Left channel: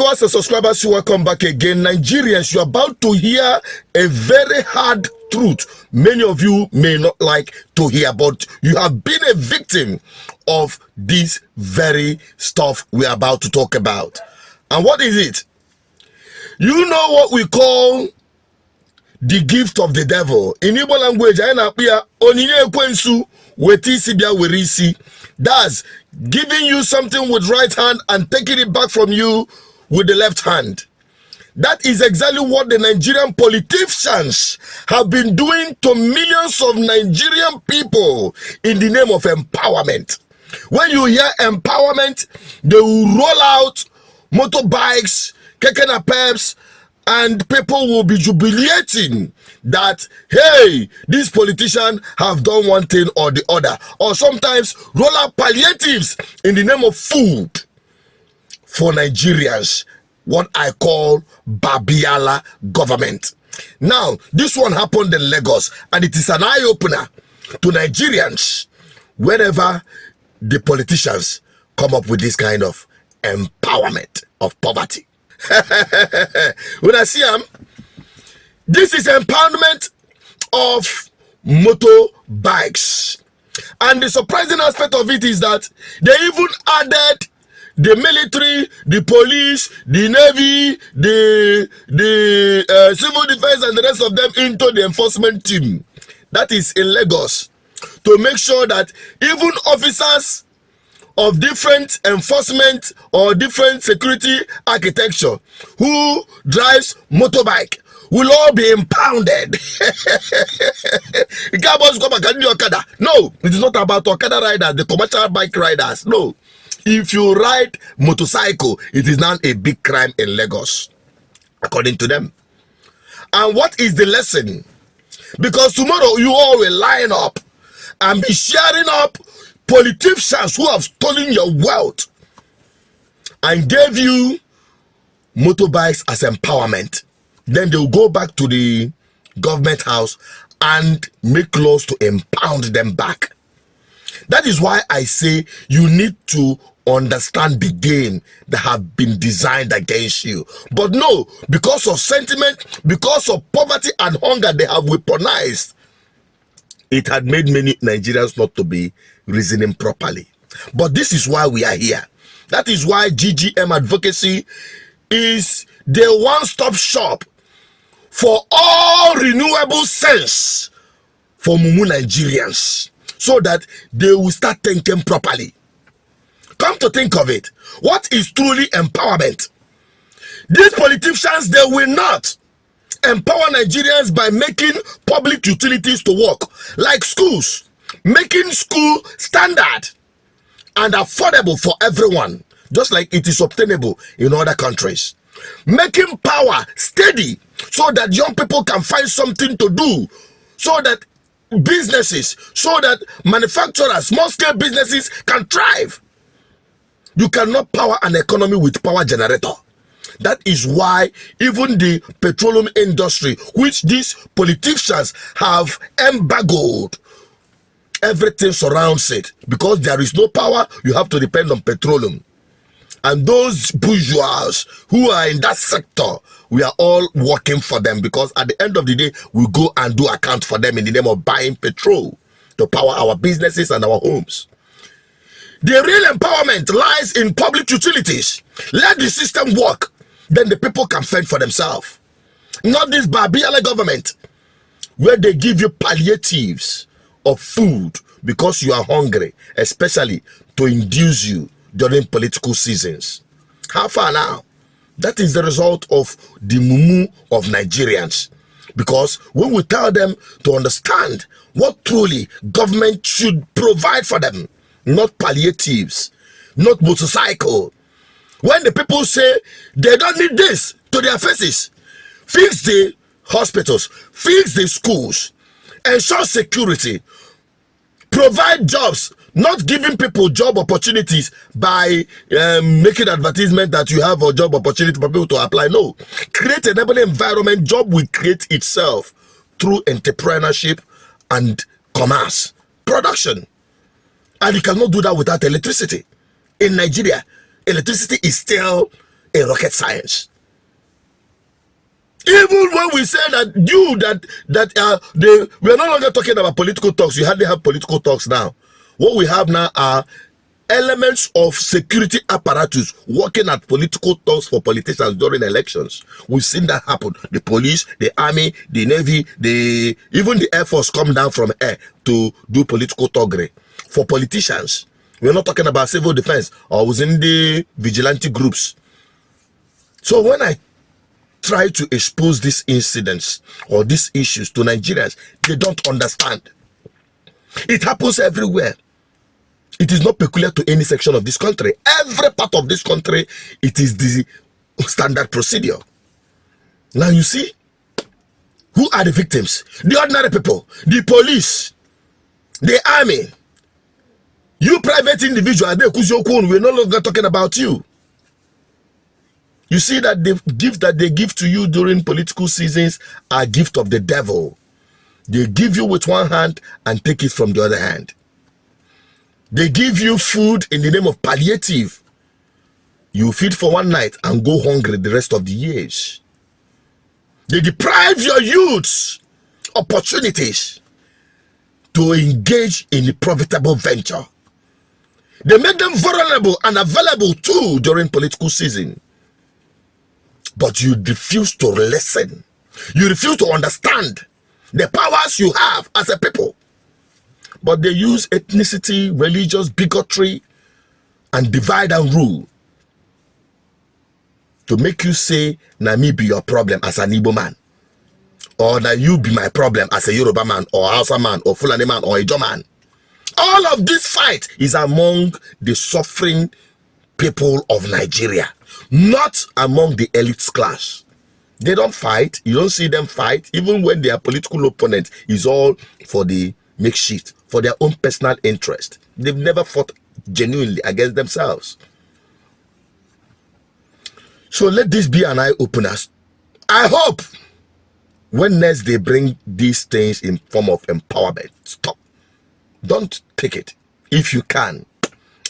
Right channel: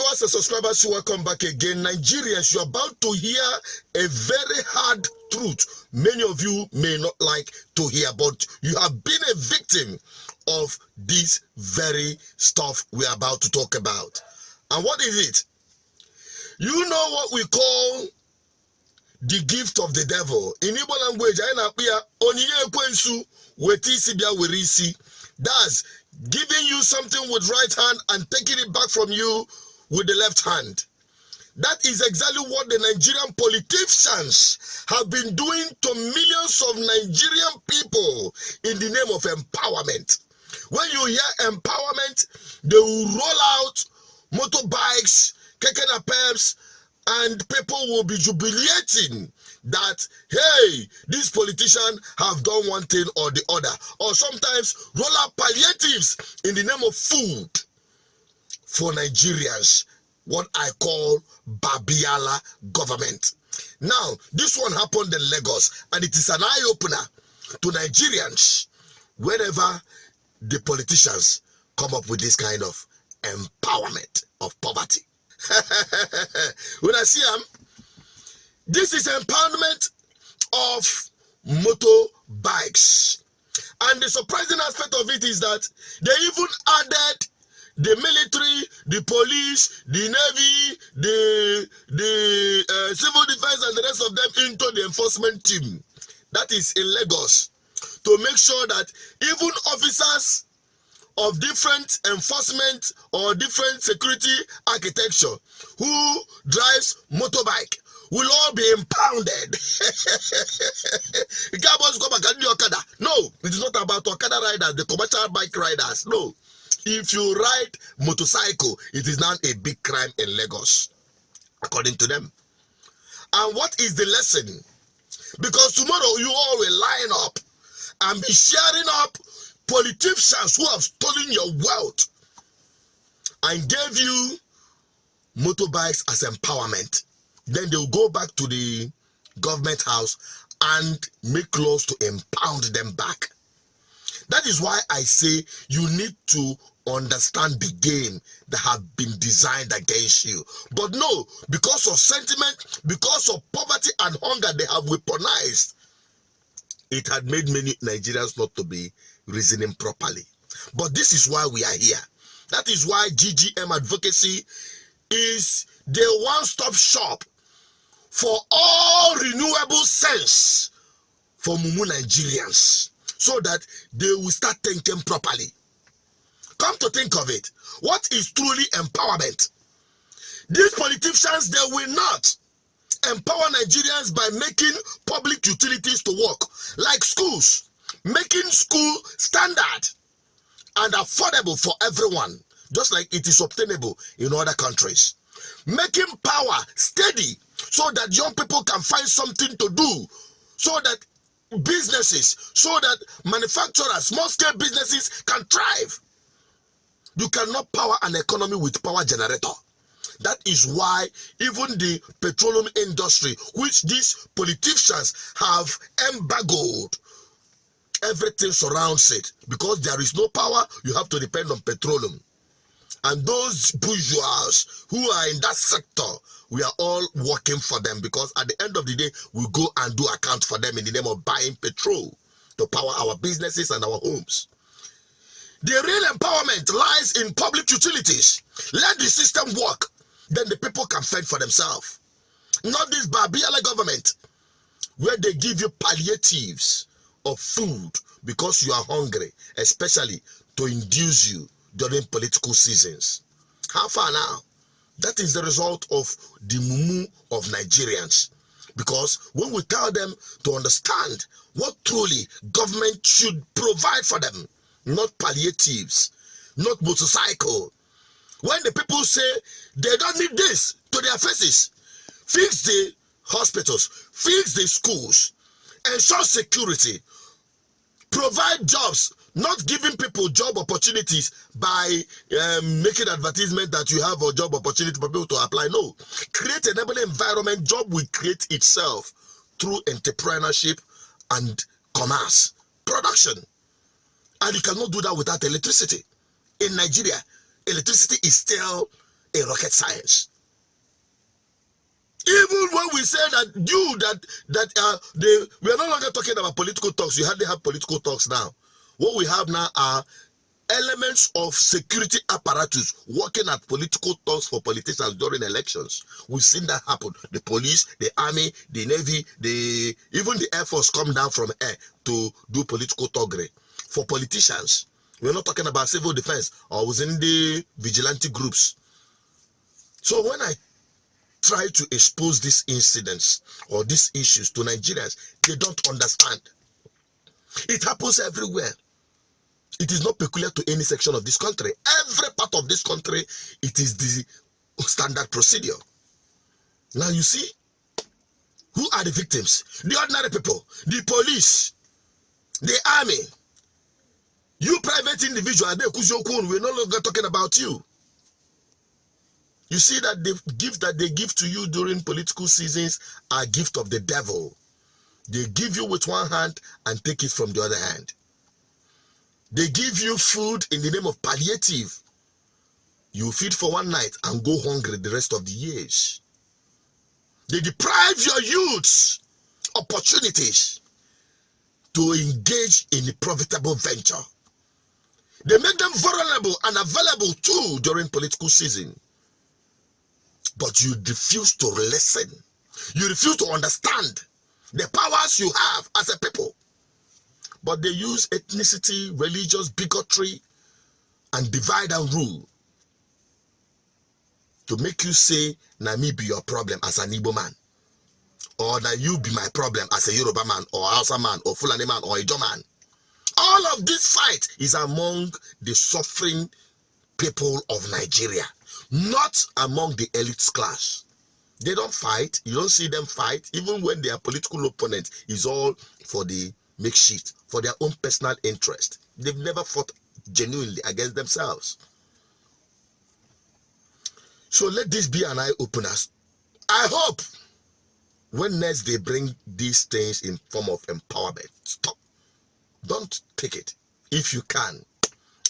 Viewers and subscribers, welcome back again. Nigerians, you're about to hear a very hard truth. Many of you may not like to hear, but you have been a victim of this very stuff we're about to talk about. And what is it? You know what we call the gift of the devil. In Igbo language, that's giving you something with right hand and taking it back from you with the left hand. That is exactly what the Nigerian politicians have been doing to millions of Nigerian people in the name of empowerment. When you hear empowerment, they will roll out motorbikes, keke napeps, and people will be jubilating that, hey, these politicians have done one thing or the other. Or sometimes roll out palliatives in the name of food for Nigerians, what I call Babiala government. Now, this one happened in Lagos, and it is an eye-opener to Nigerians wherever the politicians come up with this kind of empowerment of poverty. When I see them, this is empowerment of motorbikes. And the surprising aspect of it is that they even added the military, the police, the navy, the civil defense, and the rest of them into the enforcement team. That is in Lagos, to make sure that even officers of different enforcement or different security architecture who drives motorbike will all be impounded. No, it is not about Okada riders, the commercial bike riders. No. If you ride motorcycle, it is now a big crime in Lagos, according to them. And what is the lesson? Because tomorrow you all will line up and be sharing up politicians who have stolen your wealth and gave you motorbikes as empowerment. Then they will go back to the government house and make laws to impound them back. That is why I say you need to understand the game that have been designed against you. But no, because of sentiment, because of poverty and hunger they have weaponized, it had made many Nigerians not to be reasoning properly. But this is why we are here. That is why GGM Advocacy is the one-stop shop for all renewable sense for Mumu Nigerians, so that they will start thinking properly. Come to think of it, what is truly empowerment? These politicians, they will not empower Nigerians by making public utilities to work, like schools, making school standard and affordable for everyone, just like it is obtainable in other countries. Making power steady so that young people can find something to do, so that businesses, so that manufacturers, small-scale businesses can thrive. You cannot power an economy with power generator. That is why even the petroleum industry, which these politicians have embargoed, everything surrounds it. Because there is no power, you have to depend on petroleum. And those bourgeois who are in that sector, we are all working for them, because at the end of the day, we go and do account for them in the name of buying petrol to power our businesses and our homes. The real empowerment lies in public utilities. Let the system work, then the people can fend for themselves. Not this Babiala government, where they give you palliatives of food because you are hungry, especially to induce you during political seasons. How far now? That is the result of the mumu of Nigerians. Because when we tell them to understand what truly government should provide for them, not palliatives, not motorcycle. When the people say they don't need this to their faces, fix the hospitals, fix the schools, ensure security, provide jobs, not giving people job opportunities by making advertisement that you have a job opportunity for people to apply. No, create an enabling environment. Job will create itself through entrepreneurship and commerce, production. And you cannot do that without electricity. In Nigeria, electricity is still a rocket science. Even when we say we are no longer talking about political talks. We hardly have political talks now. What we have now are elements of security apparatus working at political talks for politicians during elections. We've seen that happen. The police, the army, the navy, even the air force come down from air to do political talkery for politicians. We're not talking about civil defense or within the vigilante groups. So when I try to expose these incidents or these issues to Nigerians, they don't understand. It happens everywhere. It is not peculiar to any section of this country. Every part of this country, it is the standard procedure. Now you see, who are the victims? The ordinary people, the police, the army. You private individual, we're no longer talking about you. You see that the gift that they give to you during political seasons are gift of the devil. They give you with one hand and take it from the other hand. They give you food in the name of palliative. You feed for one night and go hungry the rest of the years. They deprive your youths opportunities to engage in a profitable venture. They make them vulnerable and available too during political season. But you refuse to listen. You refuse to understand the powers you have as a people. But they use ethnicity, religious bigotry, and divide and rule to make you say, "Na me be your problem as an Igbo man," or "that you be my problem as a Yoruba man, or Hausa man, or Fulani man, or Ijo man." All of this fight is among the suffering people of Nigeria, not among the elite class. They don't fight. You don't see them fight. Even when they are political opponents, it's all for the makeshift, for their own personal interest. They've never fought genuinely against themselves. So let this be an eye-opener. I hope when next they bring these things in form of empowerment, stop. Don't take it if you can.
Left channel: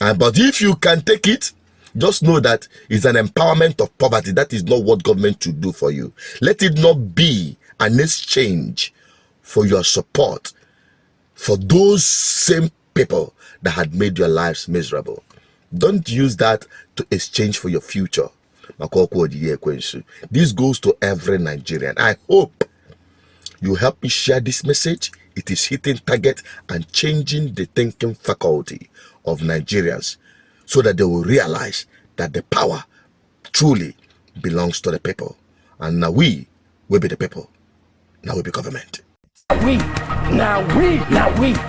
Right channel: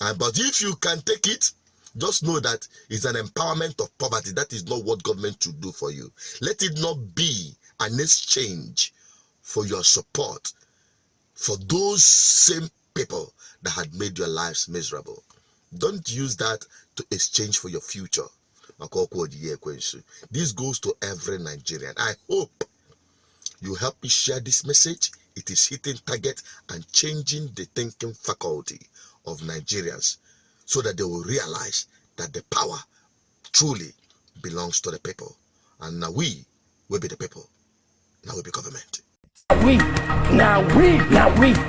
But if you can take it, just know that it's an empowerment of poverty. That is not what government should do for you. Let it not be an exchange for your support for those same people that had made your lives miserable. Don't use that to exchange for your future. This goes to every Nigerian. I hope you help me share this message. It is hitting target and changing the thinking faculty of Nigerians, so that they will realize that the power truly belongs to the people. And now we will be the people. Now we be government. Now we be government.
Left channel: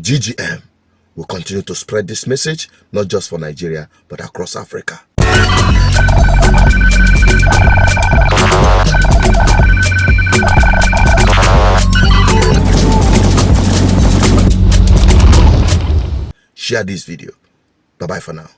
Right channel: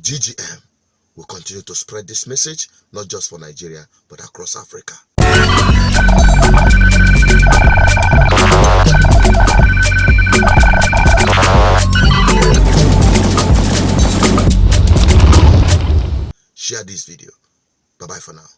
GGM will continue to spread this message, not just for Nigeria, but across Africa. Share this video. Bye-bye for now.